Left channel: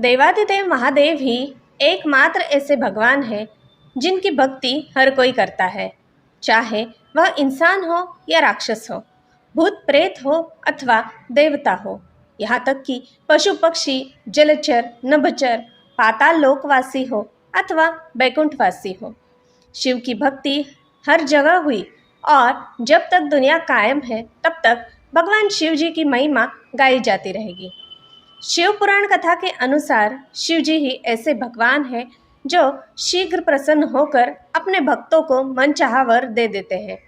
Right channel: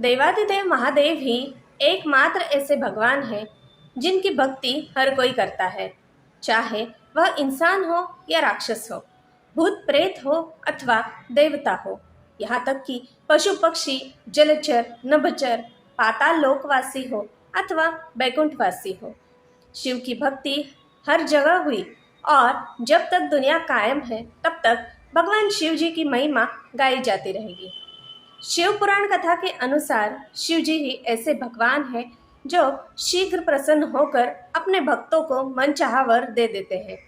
देवाधिदेव महादेव ही एकमात्र ऐसे भगवान हैं जिनकी भक्ति हर कोई करता है, चाहे वह इंसान हो या राक्षस हो, भूत प्रेत हो अथवा देवता हो, यहाँ तक कि पशु पक्षी, जलचर, नभचर, पाताल लोकवासी हो अथवा बैकुंठवासी हो। शिव की भक्ति हर जगह हुई और जब तक दुनिया कायम है तब तक भगवान शिव जी की महिमा गाई जाती रहेगी। शिव पुराण कथा के अनुसार शिव जी ही ऐसे भगवान हैं जो शीघ्र प्रसन्न होकर अपने भक्तों को मनचाहा वर दे देते हैं।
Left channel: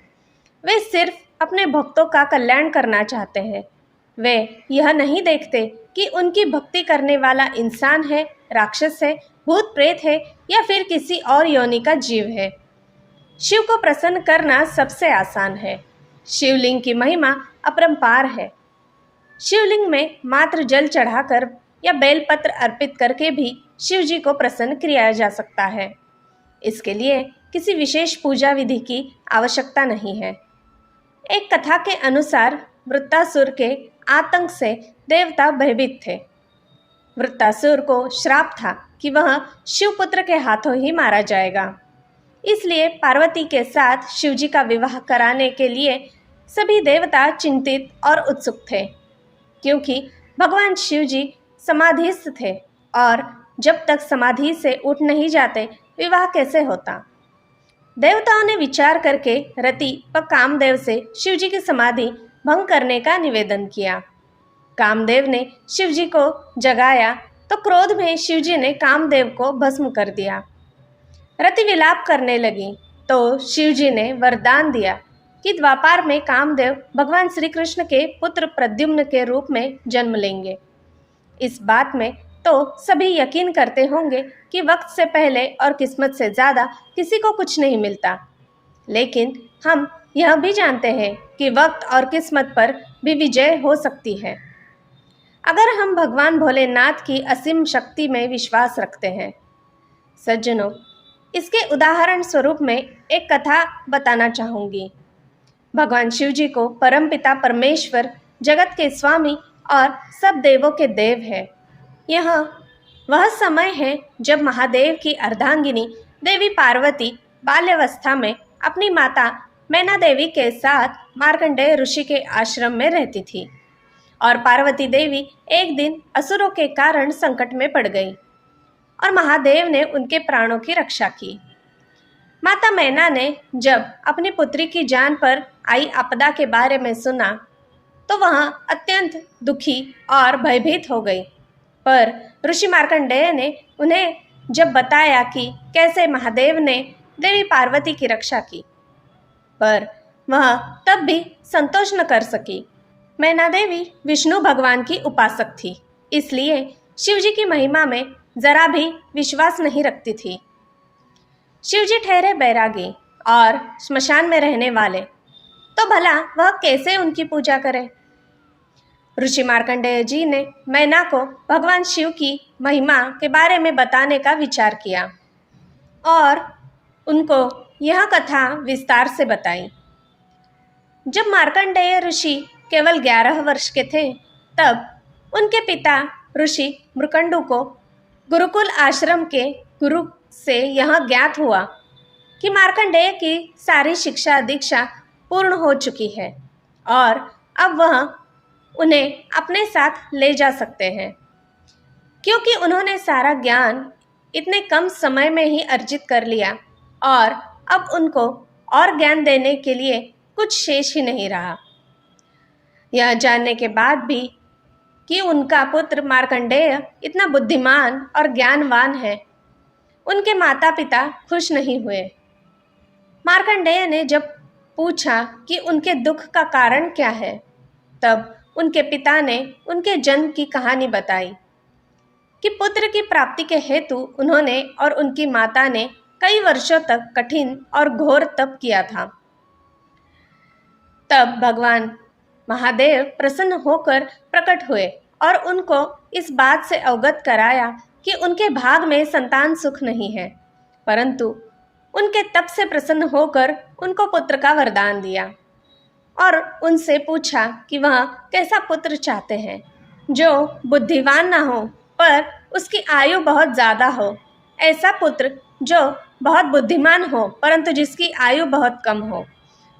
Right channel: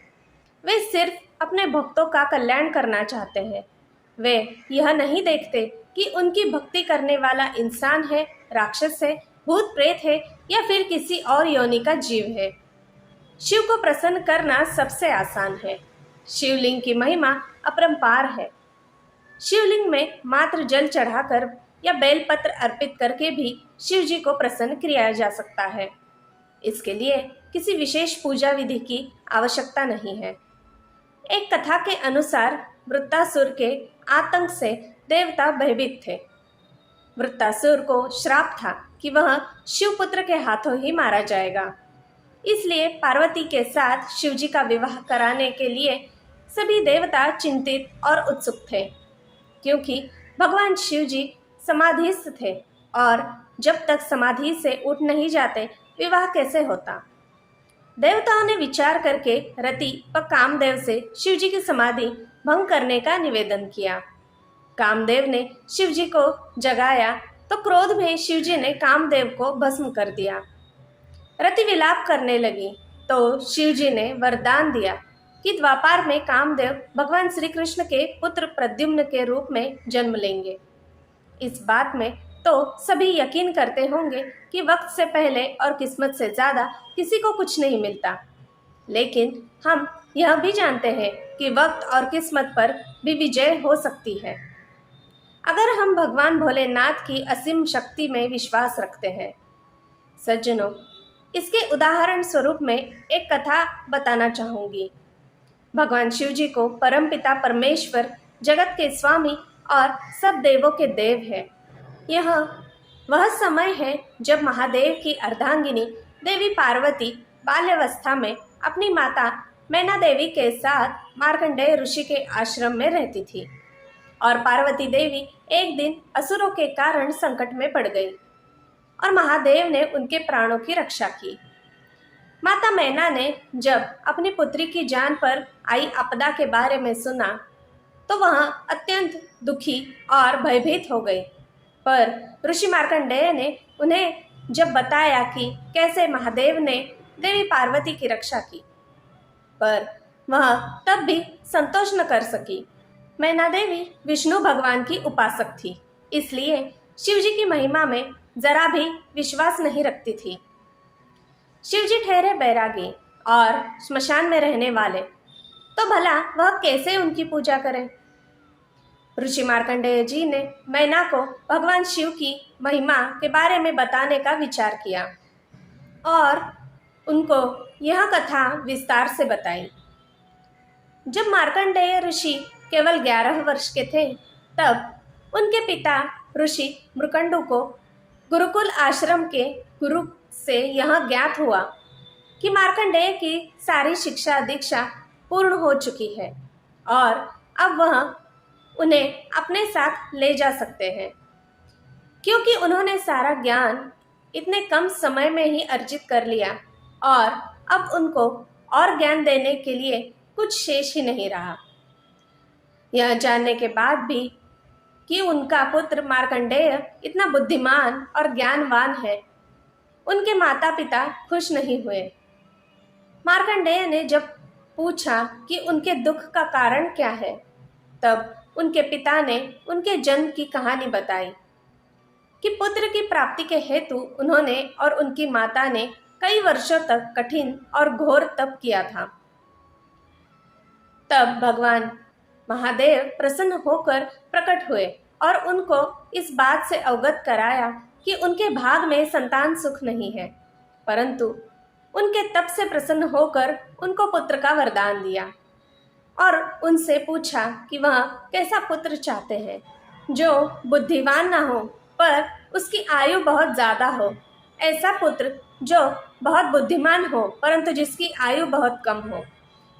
वे सिर्फ अपने भक्तों का कल्याण करना चाहते हैं। वे यह नहीं देखते कि उनकी भक्ति करने वाला इंसान है, राक्षस है, भूत प्रेत है या फिर किसी और योनि का जीव है। शिव को प्रसन्न करना सबसे आसान है। शिवलिंग की महिमा अपरंपार है। शिवलिंग में मात्र जल चढ़ाकर या बेलपत्र अर्पित करके भी शिव जी को प्रसन्न किया जा सकता है। इसके लिए किसी विशेष पूजा विधि की आवश्यकता नहीं है। एक कथा के अनुसार वृत्तासुर के आतंक से देवता भयभीत थे। वृत्तासुर को श्राप था कि वह शिवपुत्र के हाथों ही मारा जाएगा। इसलिए पार्वती के साथ शिव जी का विवाह कराने के लिए सभी देवता चिंतित और उत्सुक थे, क्योंकि भगवान शिव जी समाधिस्थ थे और जब तक समाधि से उठ नहीं जाते विवाह कैसे होता। देवताओं ने विचार करके रति व कामदेव से शिव जी की समाधि भंग करने का निवेदन किया। कामदेव ने शिव जी को जगाया तो क्रोध में शिव जी ने कामदेव को भस्म कर दिया। रति विलाप करने लगी तो शिव जी ने वरदान दिया कि द्वापार में कामदेव भगवान श्री कृष्ण के पुत्र प्रद्युम्न के रूप में जन्म लेंगे। इस बात में तो सभी यकीन करते होंगे कि वक्त से पहले और किस्मत से ज़्यादा किसी को कुछ नहीं मिलता, लेकिन हम यह भी जानते हैं कि वक्त और किस्मत पर भी विजय हो सकती है अगर हम भगवान भोलेनाथ की असीम शक्ति में विश्वास रखते हैं। सज्जनों, इसके उदाहरण स्वरूप में एक कथा बताना चाहूँगी। भगवान शिव जी को परमपिता परमेश्वर, जगत के स्वामी और सब देवों के देव है। यह वह समय है जब महादेव की अर्धांगिनी देवी पार्वती बाल्यावस्था में अपनी माता मैना देवी के साथ मार्कंडेय ऋषि के आश्रम में रहती थी और पार्वती देवी एक दिन असुरों के कारण संकट में पड़ गई और महादेव ने उनके प्राणों की रक्षा की। माता मैना ने जब अपनी पुत्री की जान पर आई आपदा के बारे में सुना तो वह अत्यंत दुखी और भयभीत हो गई, पर ऋषि मार्कंडेय ने उन्हें जब बताया कि कैसे महादेव ने देवी पार्वती की रक्षा की, पर वह तब भी संतोष न कर सकी। मैना देवी विष्णु भगवान की उपासक थी, इसलिए शिव जी की महिमा में जरा भी विश्वास नहीं रखती थी। शिव जी ठहरे बैरागी और श्मशान में रहने वाले, तो भला वह कैसे उनकी पूजा करें। ऋषि मार्कंडेय जी ने मैना को भगवान शिव की महिमा के बारे में बताने का विचार किया और उनको यह कथा विस्तार से बताई। जब मार्कंडेय ऋषि केवल 11 वर्ष के थे तब उनके पिता ऋषि मृकंडु को गुरुकुल आश्रम के गुरु से यह ज्ञात हुआ कि मार्कंडेय की सारी शिक्षा दीक्षा पूर्ण हो चुकी है और अब वह उन्हें अपने साथ ले जा सकते हैं, क्योंकि उन्होंने सारा ज्ञान इतने कम समय में ही अर्जित कर लिया और अब उनको और ज्ञान देने के लिए कुछ शेष ही नहीं रहा। यह जानने के बाद भी कि उनका पुत्र मार्कंडेय इतना बुद्धिमान और ज्ञानवान है, उनके माता पिता खुश नहीं हुए। मार्कंडेय ने जब पूछा कि उनके दुख का कारण क्या है, तब उनके पिता ने उनके जन्म की कहानी बताई कि पुत्र की प्राप्ति के हेतु उन्होंने और उनकी माता ने कई वर्षों तक कठिन और घोर तप किया था। तब भगवान महादेव प्रसन्न होकर प्रकट हुए और उनको इस बात से अवगत कराया कि उनके भाग में संतान सुख नहीं है, परंतु उनके तप से प्रसन्न होकर उनको पुत्र का वरदान दिया और उनसे पूछा कि वह कैसा पुत्र चाहते हैं जो बुद्धिमान न हो पर उसकी आयु बहुत ज़्यादा हो, ऐसा पुत्र जो बहुत बुद्धिमान हो परंतु जिसकी आयु बहुत कम हो।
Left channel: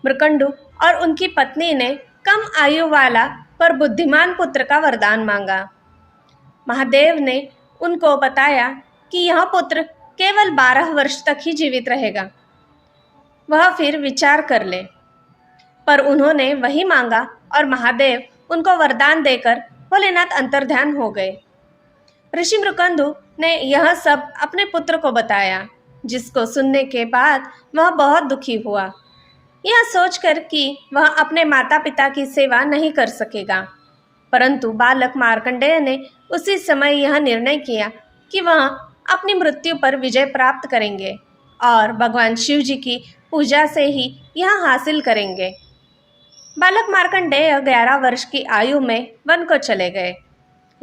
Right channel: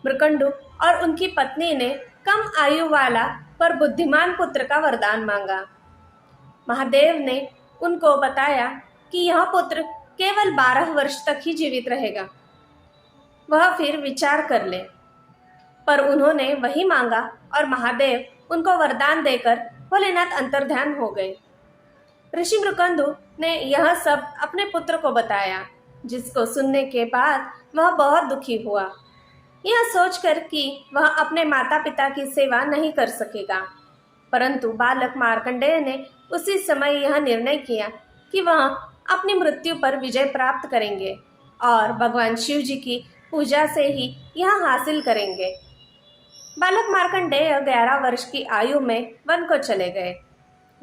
मृकंडु और उनकी पत्नी ने कम आयु वाला पर बुद्धिमान पुत्र का वरदान मांगा। महादेव ने उनको बताया कि यह पुत्र केवल 12 वर्ष तक ही जीवित रहेगा, वह फिर विचार कर ले। पर उन्होंने वही मांगा और महादेव उनको वरदान देकर भोलेनाथ अंतर्ध्यान हो गए। ऋषि मृकंदु ने यह सब अपने पुत्र को बताया, जिसको सुनने के बाद वह बहुत दुखी हुआ, यह सोचकर कि वह अपने माता पिता की सेवा नहीं कर सकेगा। परंतु बालक मार्कंडेय ने उसी समय यह निर्णय किया कि वह अपनी मृत्यु पर विजय प्राप्त करेंगे और भगवान शिव जी की पूजा से ही यह हासिल करेंगे। बालक मार्कंडेय 11 वर्ष की आयु में वन को चले गए।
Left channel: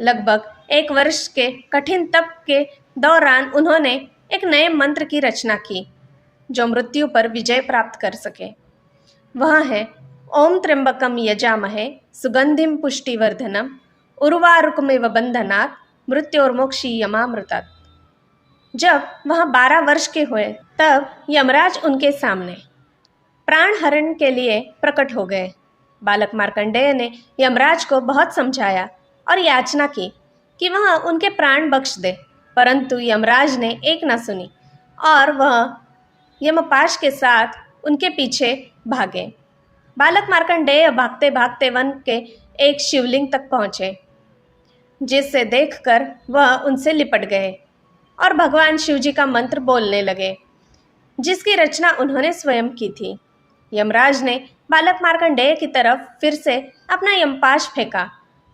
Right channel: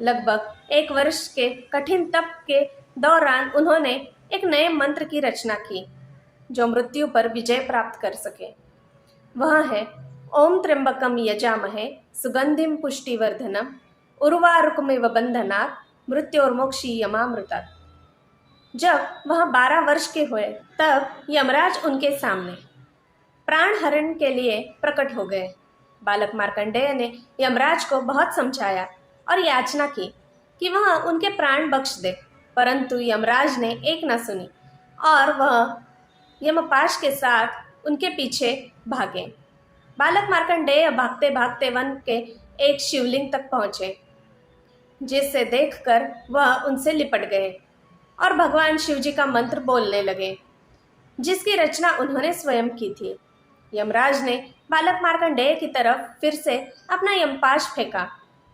लगभग 1 वर्ष के कठिन तप के दौरान उन्होंने एक नए मंत्र की रचना की जो मृत्यु पर विजय प्राप्त कर सके। वह है ओम त्र्यंबकम यजामहे सुगंधिम पुष्टिवर्धनम उर्वारुकमेव बंधनात् मृत्योर्मोक्षीयमामृतात्। जब वह 12 वर्ष के हुए तब यमराज उनके सामने प्राण हरण के लिए प्रकट हो गए। बालक मार्कंडेय ने यमराज को बहुत समझाया और याचना की कि वह उनके प्राण बख्श दे, परंतु यमराज ने एक न सुनी और वह यमपाश के साथ उनके पीछे भागे। बालक मार्कंडेय भागते भागते वन के एक शिवलिंग तक पहुंचे, जिसे देखकर वह उनसे लिपट गए और भगवान शिव जी का मंत्र बोलने लगे, जिसकी रचना उन्होंने स्वयं की थी। यमराज ने बालक मार्कंडेय की तरफ फिर से अपना यमपाश फेंका,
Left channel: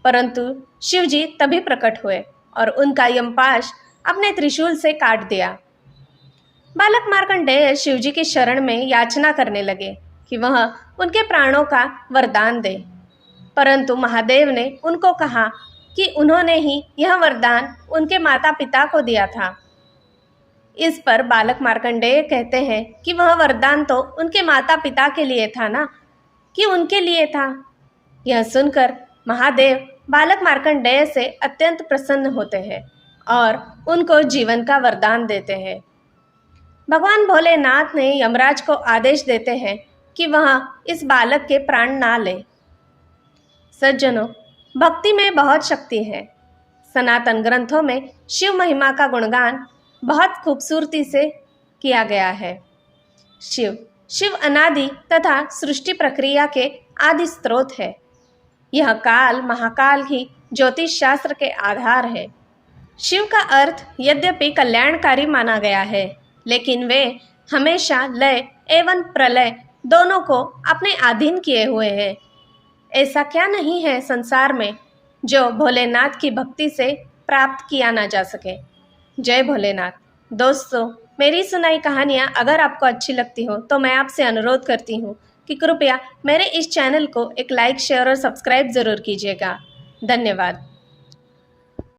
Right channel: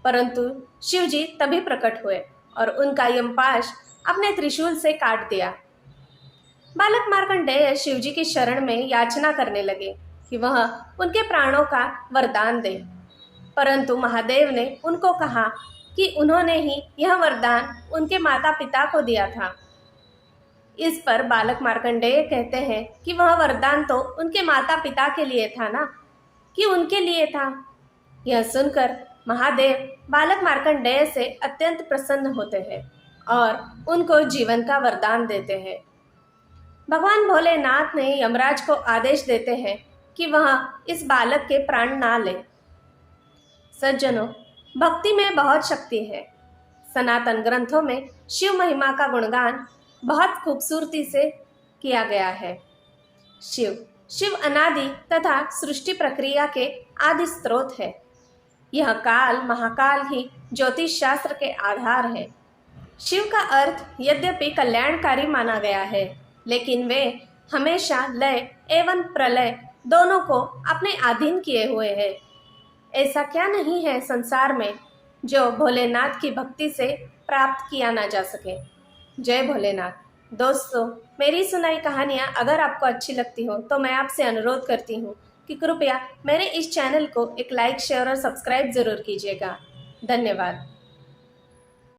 परंतु शिव जी तभी प्रकट हुए और उनका यमपाश अपने त्रिशूल से काट दिया। बालक मार्कंडेय शिव जी की शरण में याचना करने लगे कि वह उनके प्राणों का वरदान दे, परंतु महादेव ने उनको कहा कि उन्होंने ही यह वरदान उनके माता पिता को दिया था। इस पर बालक मार्कंडेय कहते हैं कि वह वरदान तो उनके माता पिता के लिए था ना, कि उनके लिए था। यह सुनकर महादेव बालक मार्कंडेय से अत्यंत प्रसन्न होते हैं और उनको जीवन का वरदान देते हैं। भगवान भोलेनाथ ने यमराज को आदेश देते हैं कि वह इस बालक के प्राण ना ले। सज्जनों, भक्ति में बहुत शक्ति है। सनातन ग्रंथों में शिव महिमा का गुणगान बहुत खूबसूरती से किया गया है। शिव अनादि तथा सृष्टि प्रक्रिया के आदि स्रोत है। यह काल महाकाल ही ज्योतिष शास्त्र के आधार है। शिव का अर्थ यद्यपि कल्याणकारी माना गया है, लेकिन वे हमेशा लय एवं प्रलय दोनों को अपने अधीन किए हुए हैं। ऐसा क्या नहीं है संसार में जो भोलेनाथ की भक्ति से प्राप्त किया ना जा सके। जय भोलेनाथ। दोस्तों, मेरी सुनाई कहानियाँ अगर आपको अच्छी लगती हो तो मैं आपसे अनुरोध करती हूँ कि कृपया मेरे इस चैनल को एक लाइक, शेयर और सब्सक्राइब ज़रूर कीजिएगा। धन्यवाद।